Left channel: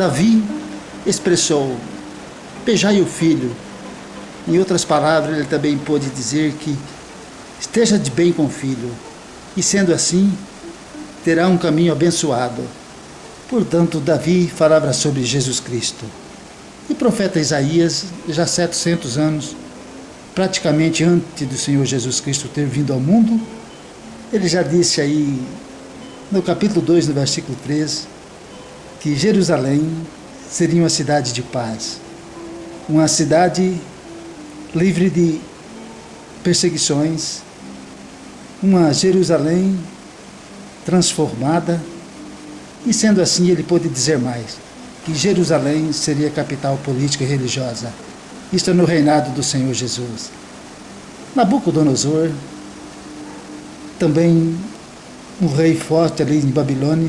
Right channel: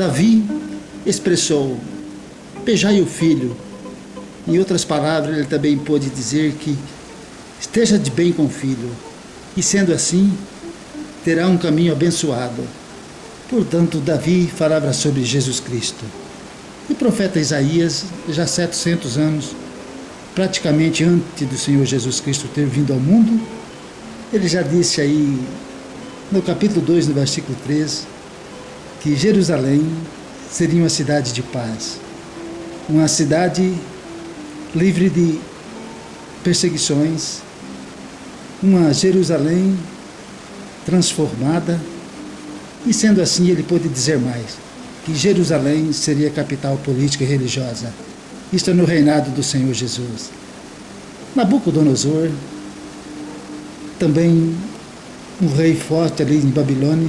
Davi expressou: beijai o filho. Em outras palavras, ele também pôde dizer que esteja de bem com o filho, e sendo assim, terá um caminho abençoado. Portanto, Davi falava sobre Jesus Cristo. E o profeta Isaías, já 700 anos, praticamente antes do Senhor Jesus Cristo ter vindo ao mundo, ele já disse aí, no capítulo 2, no versículo 3, que Jerusalém seria uma cidade de paz, uma cidade livre de perseguições, uma Jerusalém transformada. E sendo assim, ele pôde dizer mais, que Jerusalém seria a capital política e religiosa. Isto é no reinado do Senhor Jesus. Nabucodonosor, também um rei forte ali em Babilônia,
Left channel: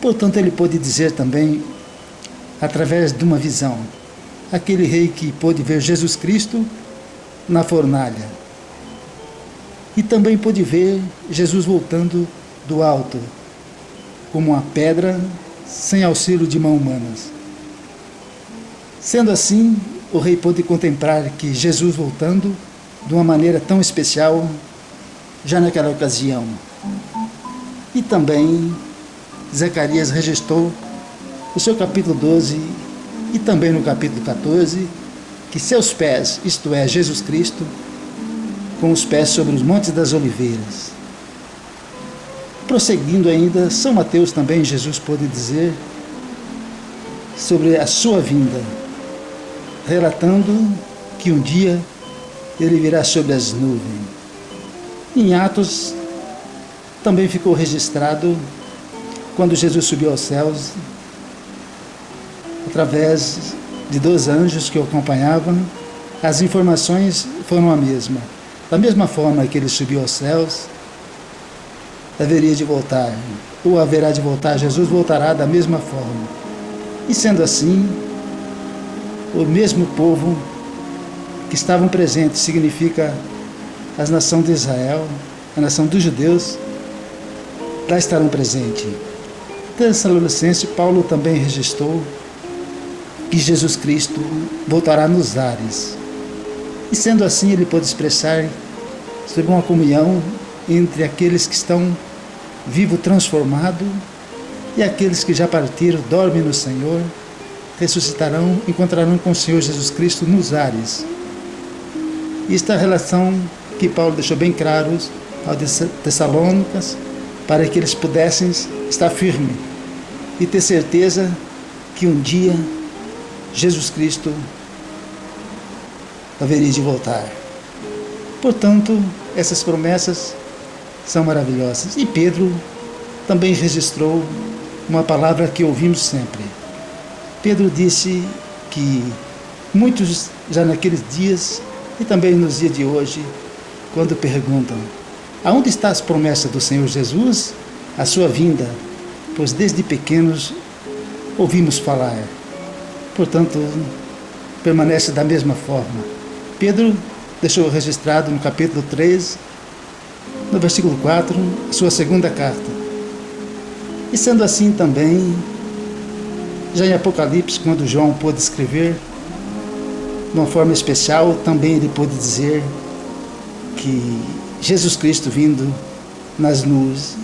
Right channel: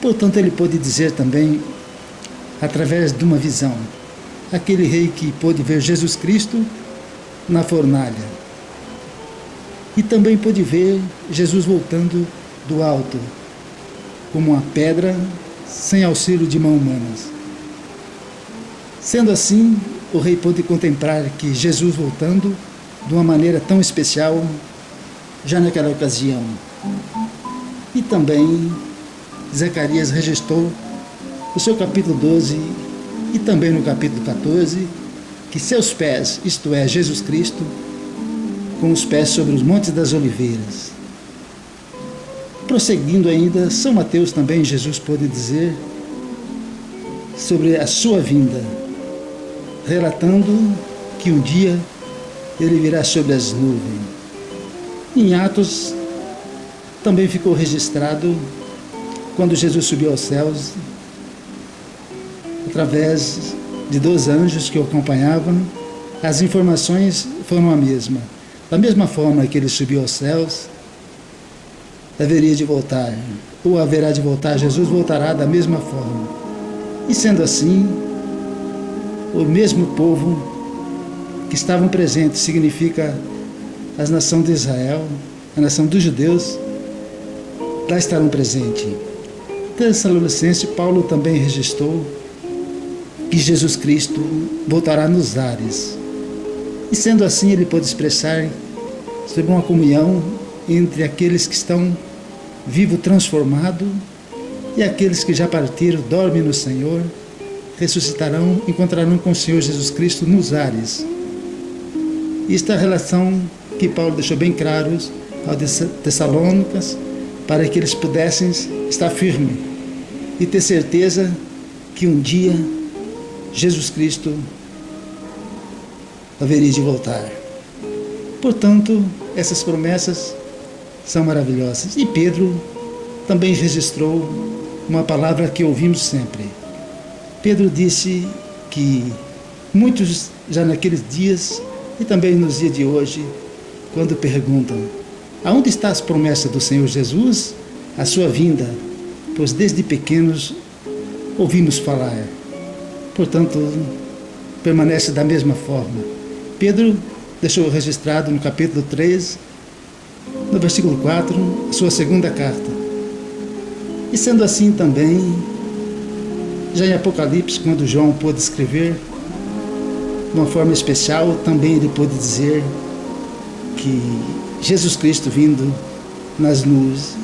portanto ele pôde dizer também, através de uma visão, aquele rei que pôde ver Jesus Cristo na fornalha. E também pôde ver Jesus voltando do alto, como uma pedra, sem auxílio de mãos humanas. Sendo assim, o rei pôde contemplar que Jesus voltando de uma maneira tão especial, já naquela ocasião. E também Zacarias registrou no seu capítulo 12 e também no capítulo 14, que seus pés, isto é, Jesus Cristo, com os pés sobre os montes das oliveiras. Prosseguindo ainda, São Mateus também, Jesus pôde dizer sobre a sua vinda, relatando que um dia ele virá sobre as nuvens. Em Atos também ficou registrado quando Jesus subiu aos céus, através de 2 anjos que o acompanhavam, as informações foram a mesma. Da mesma forma que ele subiu aos céus, haveria de voltar, ou haverá de voltar, Jesus voltará da mesma forma. E sendo assim, o mesmo povo que estavam presentes, significa as nações de Israel, a nação dos judeus, lá estarão presentes. Tessalonicense, Paulo também registrou que Jesus Cristo voltará nos ares. E sendo assim, ele pôde expressar sobre uma comunhão entre aqueles que estão vivos transformados e aqueles que já partiram, dormem no Senhor, ressuscitarão, encontrarão com o Senhor Jesus Cristo nos ares. Esta é a relação que Paulo deixou bem claros aos Tessalônicas, para que eles pudessem estar firmes e ter certeza que um dia Jesus Cristo haveria de voltar. Portanto, essas promessas são maravilhosas. E Pedro também registrou uma palavra que ouvimos sempre. Pedro disse que muitos já naqueles dias e também nos dias de hoje, quando perguntam: aonde está as promessas do Senhor Jesus, a sua vinda? Pois desde pequenos ouvimos falar. Portanto, permanece da mesma forma. Pedro deixou registrado no capítulo 3, no versículo 4, a sua segunda carta. E sendo assim também, já em Apocalipse, quando João pôde escrever, de uma forma especial, também ele pôde dizer que Jesus Cristo vindo nas nuvens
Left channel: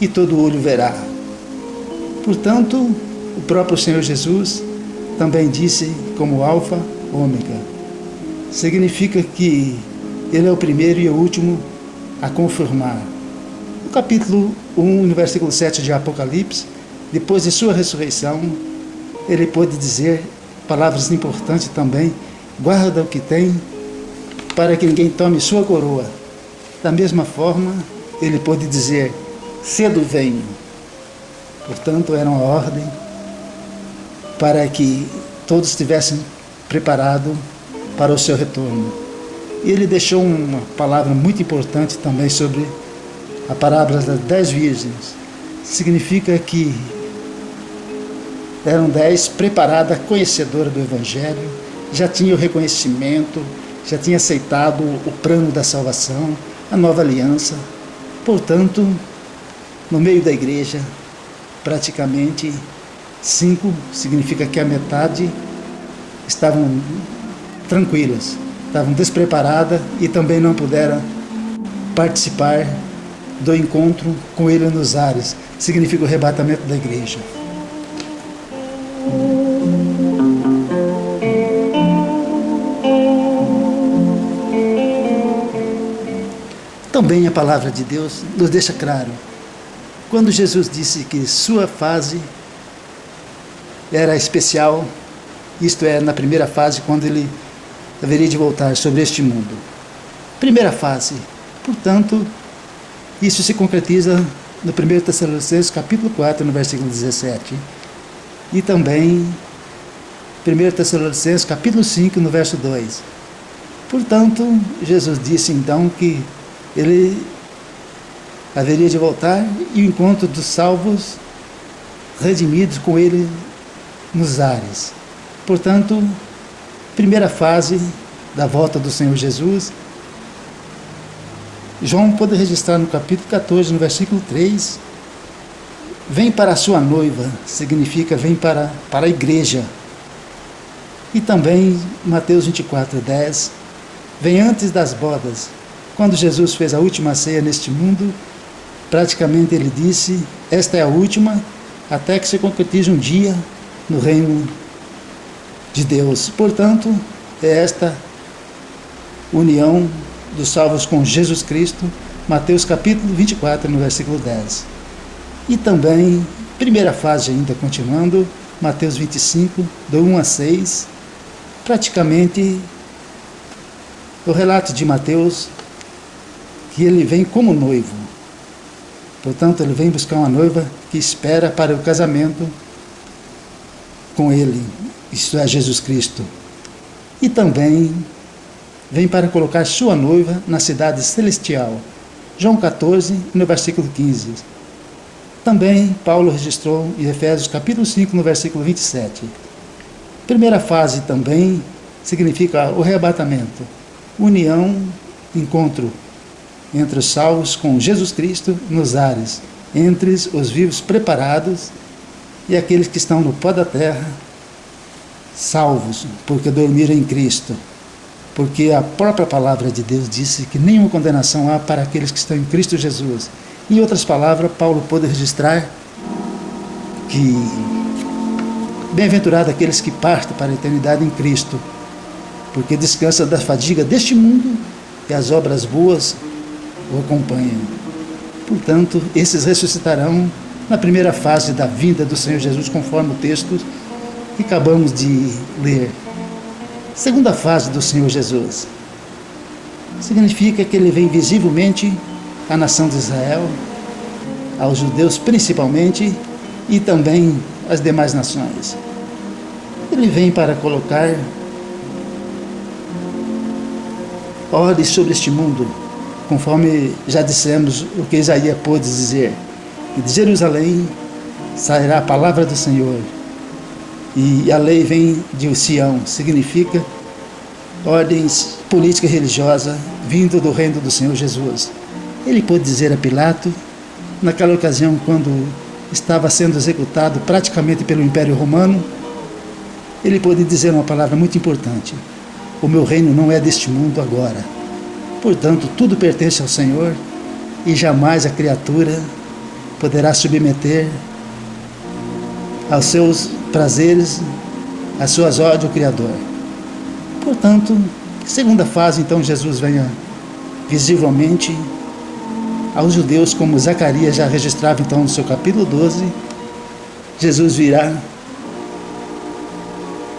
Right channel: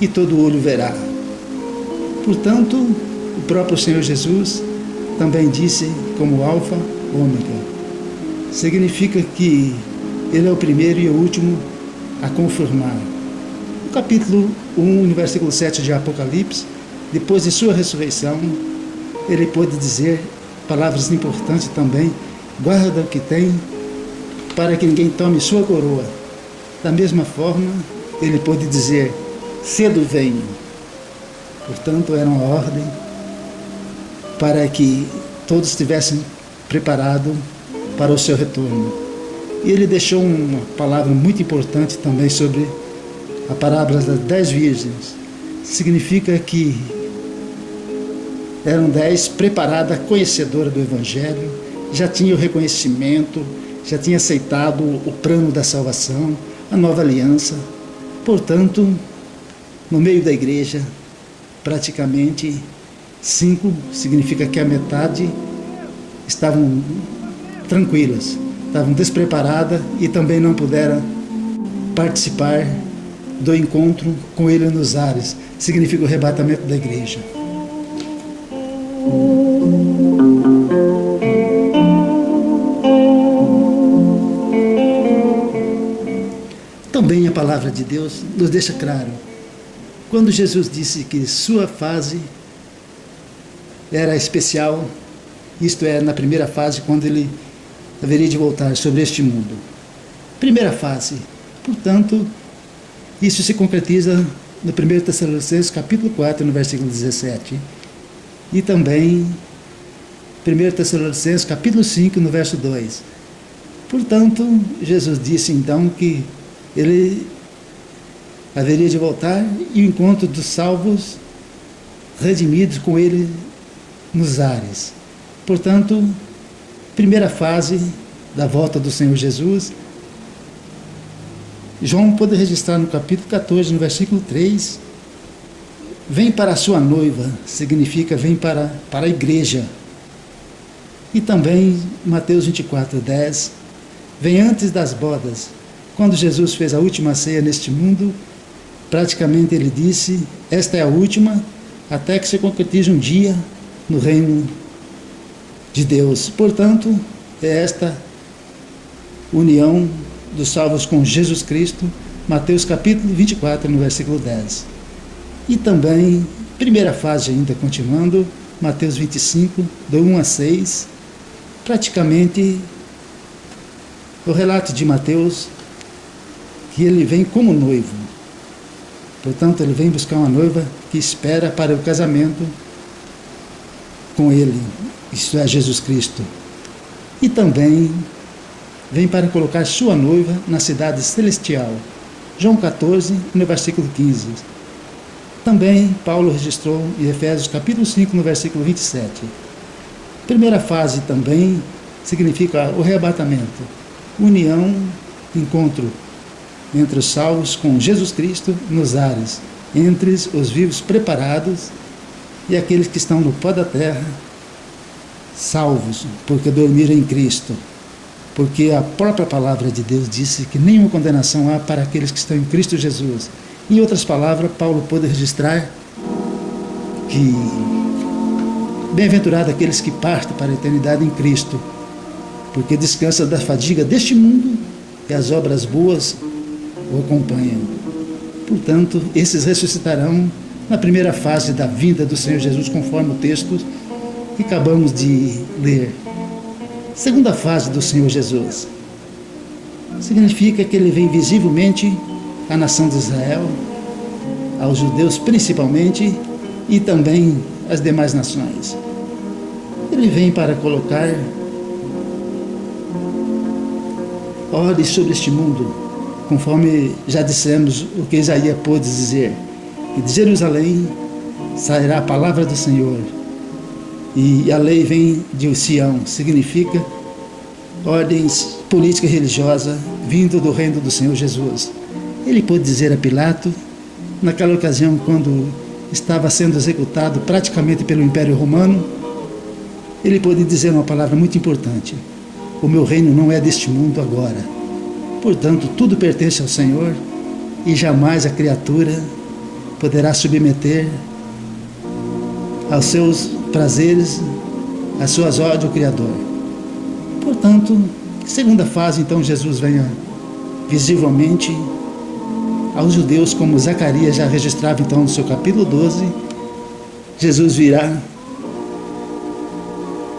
e todo olho verá. Portanto, o próprio Senhor Jesus também disse como alfa, ômega. Significa que ele é o primeiro e o último a confirmar. No capítulo 1, no versículo 7 de Apocalipse, depois de sua ressurreição, ele pôde dizer palavras importantes também: guarda o que tem, para que ninguém tome sua coroa. Da mesma forma, ele pôde dizer: cedo venho. Portanto, era uma ordem para que todos estivessem preparados para o seu retorno. E ele deixou uma palavra muito importante também sobre a parábola das 10 virgens. Significa que eram 10 preparadas, conhecedoras do Evangelho, já tinham o reconhecimento, já tinham aceitado o plano da salvação, a nova aliança. Portanto, no meio da igreja, praticamente 5 significa que a metade estavam tranquilas, estavam despreparadas e também não puderam participar do encontro com ele nos ares. Significa o arrebatamento da igreja. Também a palavra de Deus nos deixa claro, quando Jesus disse que sua fase era especial, isto é, na primeira fase, quando ele haveria de voltar sobre este mundo. Primeira fase, portanto, isso se concretiza no 1 Tessalonicenses capítulo 4, no versículo 17. E também 1 Tessalonicenses capítulo 5, no verso 2. Portanto, Jesus disse então que ele haveria de voltar e o encontro dos salvos redimidos com ele nos ares. Portanto, primeira fase da volta do Senhor Jesus. João pode registrar no capítulo 14, no versículo 3, vem para a sua noiva, significa vem para a igreja. E também Mateus 24, 10, vem antes das bodas. Quando Jesus fez a última ceia neste mundo, praticamente ele disse, esta é a última, até que se concretize um dia no reino de Deus. Portanto, é esta união dos salvos com Jesus Cristo, Mateus capítulo 24, no versículo 10. E também, primeira fase ainda continuando, Mateus 25, do 1 a 6, praticamente o relato de Mateus, que ele vem como noivo. Portanto, ele vem buscar uma noiva que espera para o casamento com ele, isto é, Jesus Cristo. E também vem para colocar sua noiva na cidade celestial. João 14, no versículo 15. Também Paulo registrou em Efésios capítulo 5, no versículo 27. Primeira fase também significa o arrebatamento, união, encontro entre os salvos com Jesus Cristo nos ares, entre os vivos preparados e aqueles que estão no pó da terra, salvos, porque dormiram em Cristo. Porque a própria palavra de Deus disse que nenhuma condenação há para aqueles que estão em Cristo Jesus. Em outras palavras, Paulo pôde registrar que bem-aventurado aqueles que partem para a eternidade em Cristo, porque descansam da fadiga deste mundo e as obras boas o acompanham. Portanto, esses ressuscitarão na primeira fase da vinda do Senhor Jesus, conforme o texto que acabamos de ler. Segunda fase do Senhor Jesus significa que ele vem visivelmente à nação de Israel, aos judeus principalmente, e também às demais nações. Ele vem para colocar ordem sobre este mundo, conforme já dissemos o que Isaías pôde dizer, que de Jerusalém sairá a palavra do Senhor, e a lei vem de Sião, significa ordens política e religiosa vindo do reino do Senhor Jesus. Ele pôde dizer a Pilato, naquela ocasião quando estava sendo executado praticamente pelo Império Romano, ele pôde dizer uma palavra muito importante: o meu reino não é deste mundo agora. Portanto, tudo pertence ao Senhor e jamais a criatura poderá submeter aos seus prazeres, às suas ordens ao Criador. Portanto, segunda fase, então, Jesus venha visivelmente aos judeus, como Zacarias já registrava então no seu capítulo 12, Jesus virá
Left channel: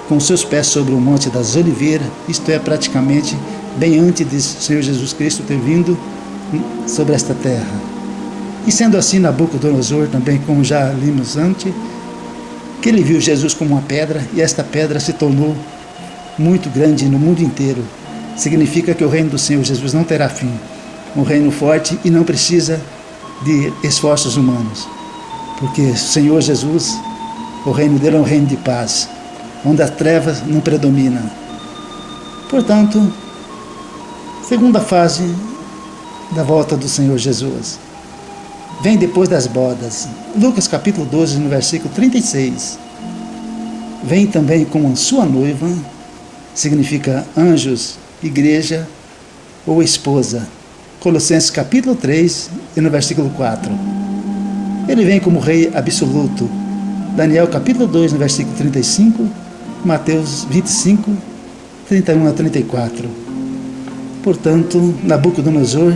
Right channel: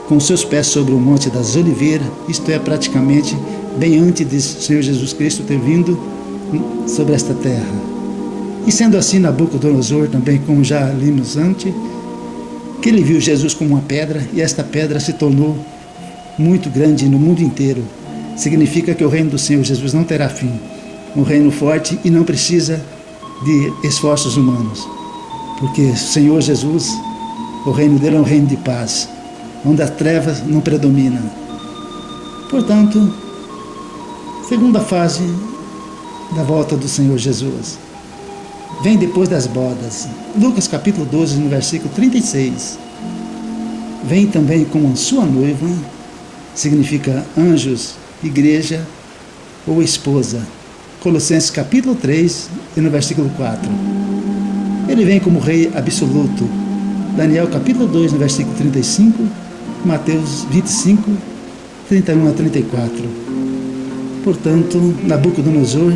com seus pés sobre o Monte das Oliveiras, isto é, praticamente bem antes de Senhor Jesus Cristo ter vindo sobre esta terra. E sendo assim, Nabucodonosor também, como já limos antes, que ele viu Jesus como uma pedra, e esta pedra se tornou muito grande no mundo inteiro. Significa que o reino do Senhor Jesus não terá fim. Um reino forte e não precisa de esforços humanos. Porque o Senhor Jesus, o reino dele é um reino de paz, onde as trevas não predominam. Portanto, segunda fase da volta do Senhor Jesus vem depois das bodas. Lucas capítulo 12, no versículo 36. vem também como sua noiva, significa anjos, igreja ou esposa. Colossenses capítulo 3 e no versículo 4. Ele vem como rei absoluto. Daniel capítulo 2 no versículo 35, Mateus 25, 31 a 34. Portanto, Nabucodonosor,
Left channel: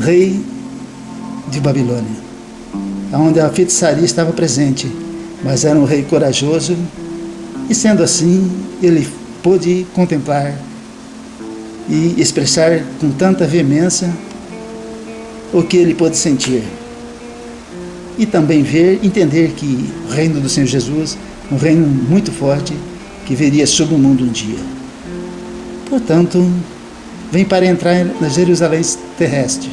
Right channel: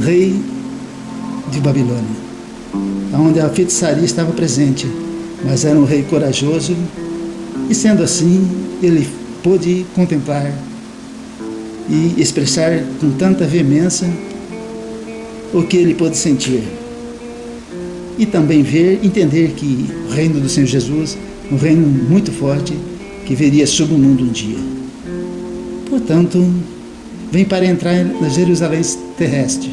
rei de Babilônia, onde a feitiçaria estava presente, mas era um rei corajoso, e sendo assim, ele pôde contemplar e expressar com tanta veemência o que ele pôde sentir. E também ver, entender que o reino do Senhor Jesus, um reino muito forte, que viria sobre o mundo um dia. Portanto, vem para entrar na Jerusalém terrestre.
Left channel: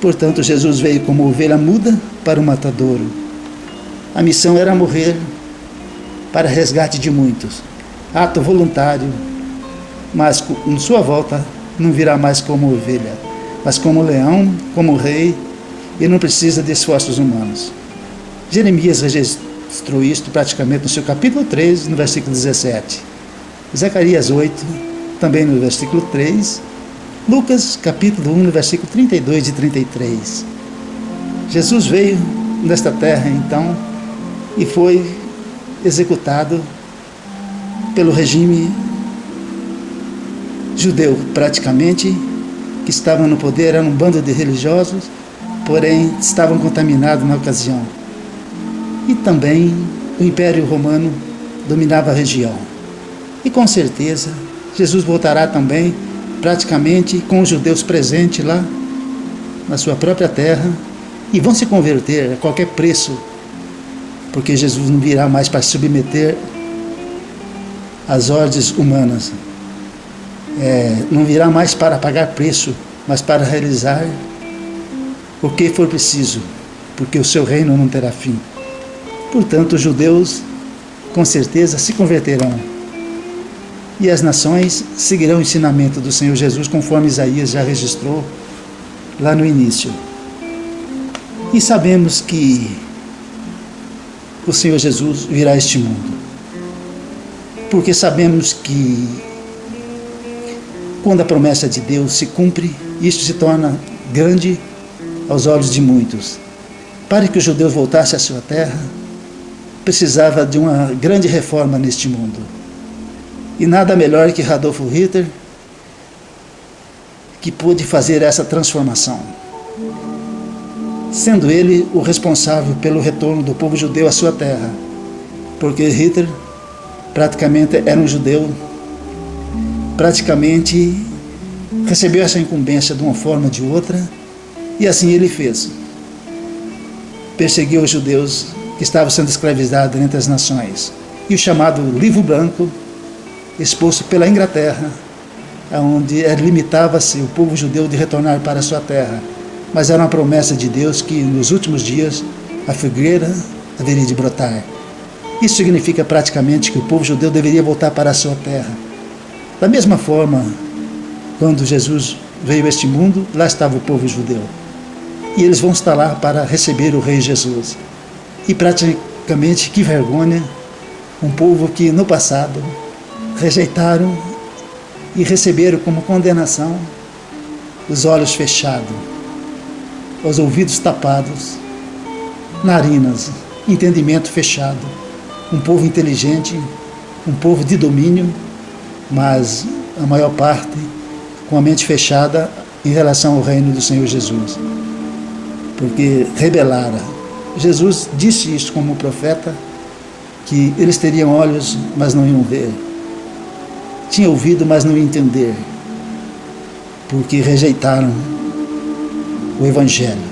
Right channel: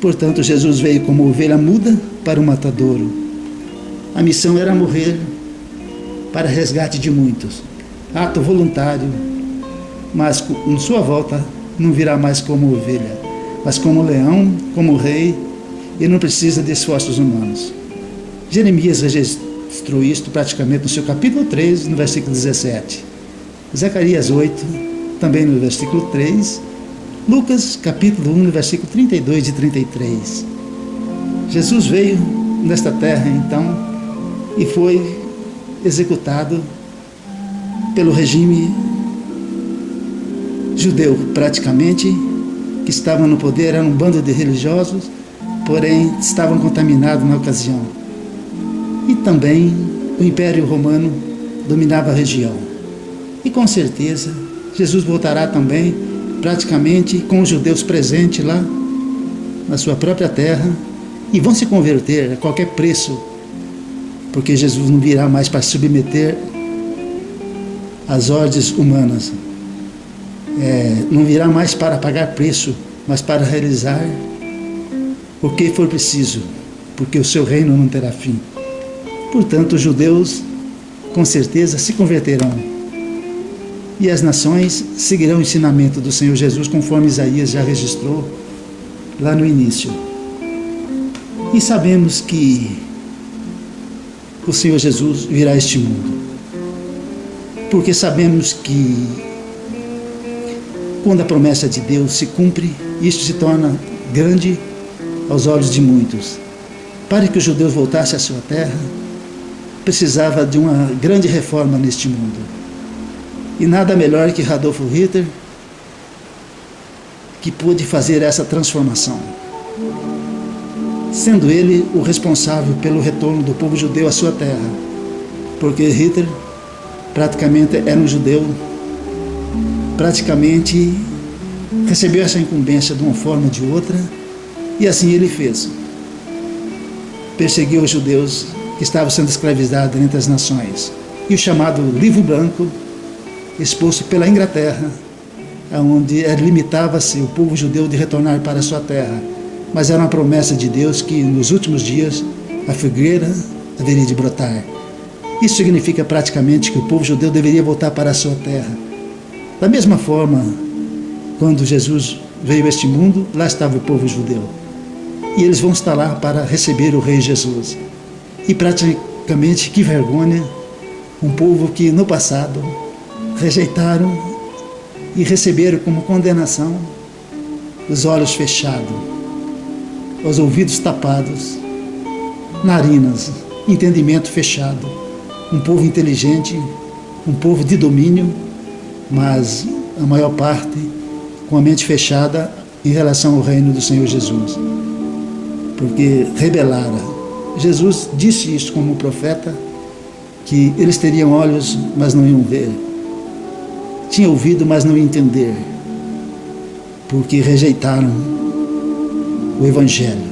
Portanto, Jesus veio como ovelha muda para o matadouro. A missão era morrer para resgate de muitos. Ato voluntário, mas em sua volta não virá mais como ovelha, mas como leão, como rei, e não precisa de esforços humanos. Jeremias registrou isto praticamente no seu capítulo 3, no versículo 17. Zacarias 8, também no versículo 3. Lucas capítulo 1, no versículo 32 e 33. Jesus veio nesta terra, então, e foi executado pelo regime judeu, praticamente, que estava no poder, era um bando de religiosos, porém estavam contaminados na ocasião. E também o Império Romano dominava a região. E com certeza Jesus voltará também, praticamente com os judeus presentes lá na sua própria terra, e vão se converter a qualquer preço, porque Jesus não virá mais para submeter as ordens humanas, não virá mais para pagar preço, mas para realizar o que for preciso, porque o seu reino não terá fim. Portanto, os judeus com certeza se converterão, e as nações seguirão o ensinamento do Senhor Jesus, conforme Isaías já registrou lá no início. E sabemos que o Senhor Jesus virá a este mundo, porque sabemos que quando a promessa de Deus se cumpre, isto se torna grande aos olhos de muitos. Para que os judeus voltassem à sua terra, precisava de uma grande reforma neste mundo. E nada melhor que Adolf Hitler, que pôde fazer essa transformação, sendo ele o responsável pelo retorno do povo judeu à sua terra, porque Hitler praticamente era um judeu, praticamente recebeu essa incumbência de uma forma ou de outra, e assim ele fez. Perseguiu os judeus que estavam sendo escravizados entre as nações. E o chamado Livro Branco, exposto pela Inglaterra, onde limitava-se o povo judeu de retornar para a sua terra. Mas era uma promessa de Deus que nos últimos dias a figueira haveria de brotar. Isso significa praticamente que o povo judeu deveria voltar para a sua terra. Da mesma forma, quando Jesus veio a este mundo, lá estava o povo judeu. E eles vão estar lá para receber o Rei Jesus. E praticamente, que vergonha, um povo que no passado rejeitaram e receberam como condenação os olhos fechados, os ouvidos tapados, narinas, entendimento fechado. Um povo inteligente, um povo de domínio, mas a maior parte com a mente fechada em relação ao reino do Senhor Jesus, porque rebelaram. Jesus disse isso como profeta, que eles teriam olhos, mas não iam ver, tinham ouvido, mas não iam entender, porque rejeitaram o Evangelho,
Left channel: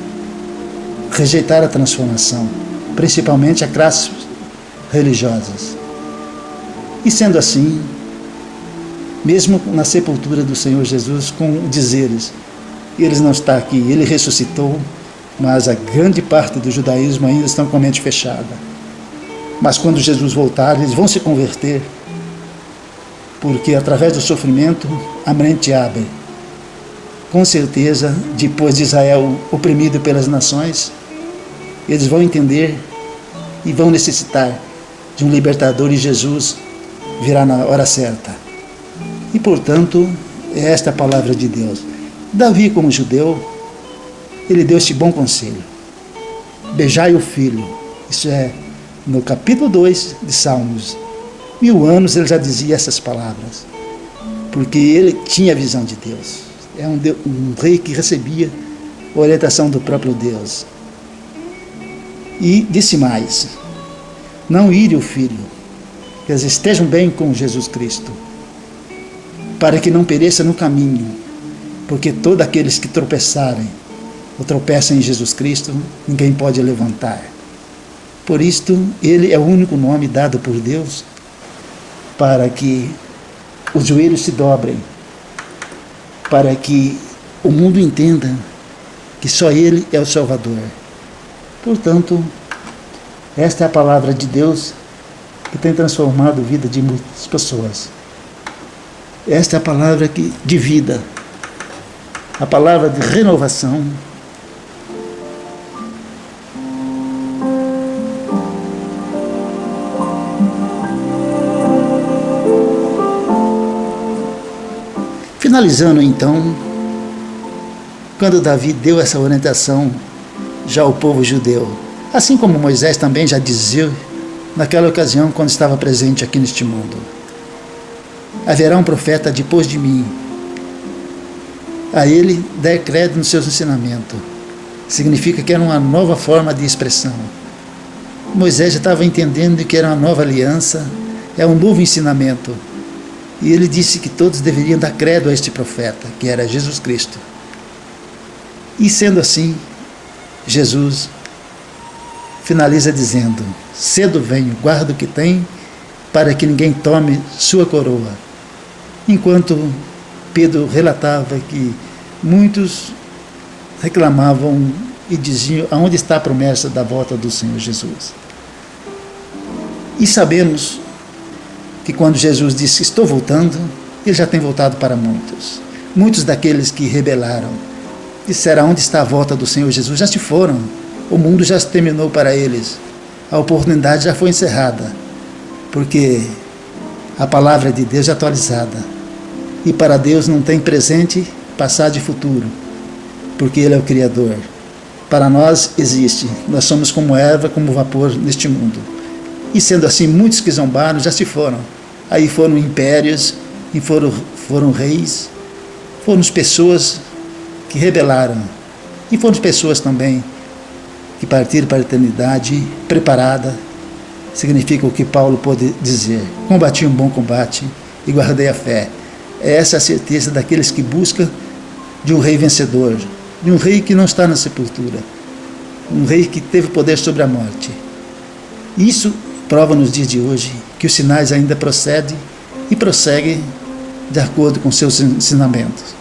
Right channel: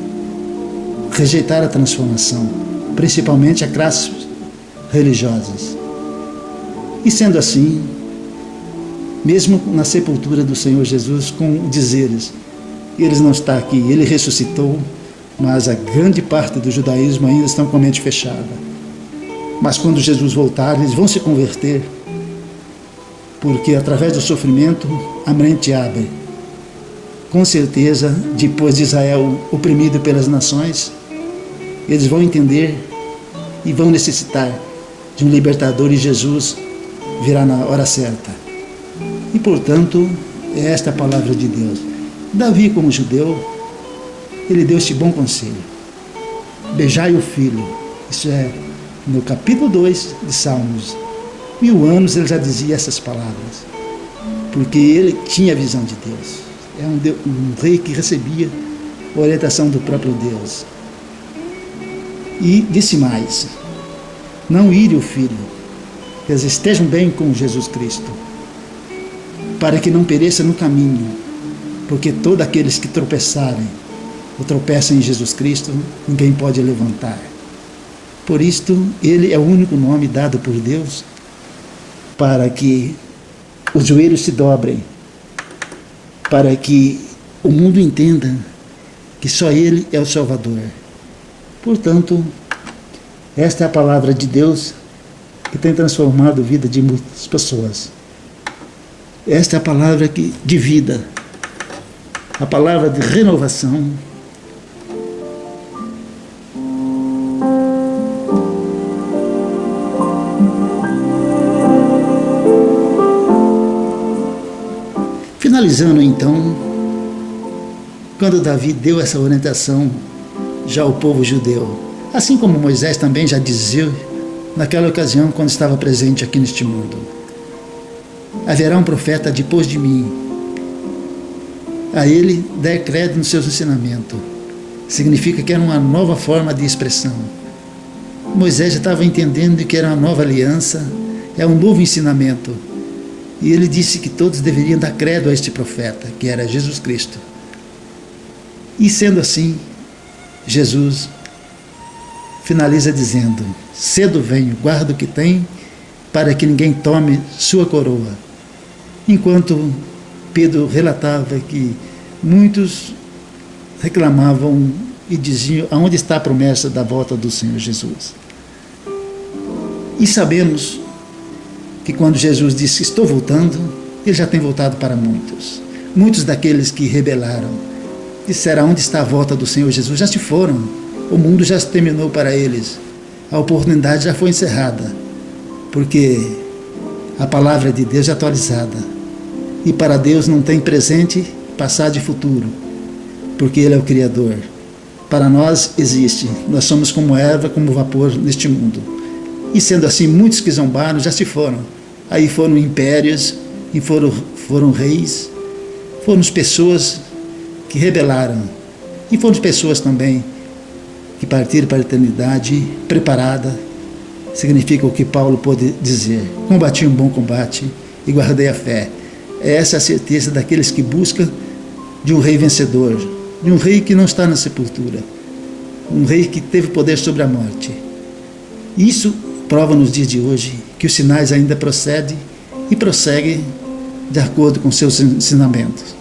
rejeitaram a transformação, principalmente a classes religiosas. E sendo assim, mesmo na sepultura do Senhor Jesus, com dizeres, ele não está aqui, ele ressuscitou, mas a grande parte do judaísmo ainda estão com a mente fechada. Mas quando Jesus voltar, eles vão se converter, porque através do sofrimento a mente abre. Com certeza, depois de Israel oprimido pelas nações, eles vão entender e vão necessitar de um libertador, e Jesus virá na hora certa. E, portanto, é esta a palavra de Deus. Davi, como judeu, ele deu este bom conselho: beijai o filho. Isso é no capítulo 2 de Salmos. 1000 anos ele já dizia essas palavras, porque ele tinha a visão de Deus. É um rei que recebia a orientação do próprio Deus. E disse mais: não ire o filho, que eles estejam bem com Jesus Cristo, para que não pereça no caminho, porque todos aqueles que tropeçarem ou tropeçam em Jesus Cristo, ninguém pode levantar. Por isto, ele é o único nome dado por Deus para que os joelhos se dobrem, para que o mundo entenda que só ele é o Salvador. Portanto, esta é a palavra de Deus que tem transformado a vida de muitas pessoas. Esta é a palavra de vida, a palavra de renovação. Finalizando então, quando Davi deu essa orientação já ao povo judeu, assim como Moisés também já dizia naquela ocasião quando estava presente aqui neste mundo: haverá um profeta depois de mim, a ele der crédito nos seus ensinamentos. Significa que era uma nova forma de expressão. Moisés já estava entendendo que era uma nova aliança, é um novo ensinamento. E ele disse que todos deveriam dar credo a este profeta, que era Jesus Cristo. E sendo assim, Jesus finaliza dizendo: cedo venho, guarda o que tem, para que ninguém tome sua coroa. Enquanto Pedro relatava que muitos reclamavam e diziam: aonde está a promessa da volta do Senhor Jesus? E sabemos que quando Jesus disse: estou voltando, ele já tem voltado para muitos. Muitos daqueles que rebelaram disseram: onde está a volta do Senhor Jesus? Já se foram, o mundo já se terminou para eles, a oportunidade já foi encerrada, porque a palavra de Deus é atualizada, e para Deus não tem presente, passado e futuro, porque Ele é o Criador. Para nós existe, nós somos como erva, como vapor neste mundo. E sendo assim, muitos que zombaram já se foram. Aí foram impérios, e foram reis, foram pessoas que rebelaram, e foram pessoas também que partiram para a eternidade preparada. Significa o que Paulo pôde dizer: combati um bom combate e guardei a fé. É essa a certeza daqueles que buscam de um rei vencedor, de um rei que não está na sepultura, um rei que teve poder sobre a morte. Isso prova nos dias de hoje que os sinais ainda procedem e prosseguem de acordo com seus ensinamentos.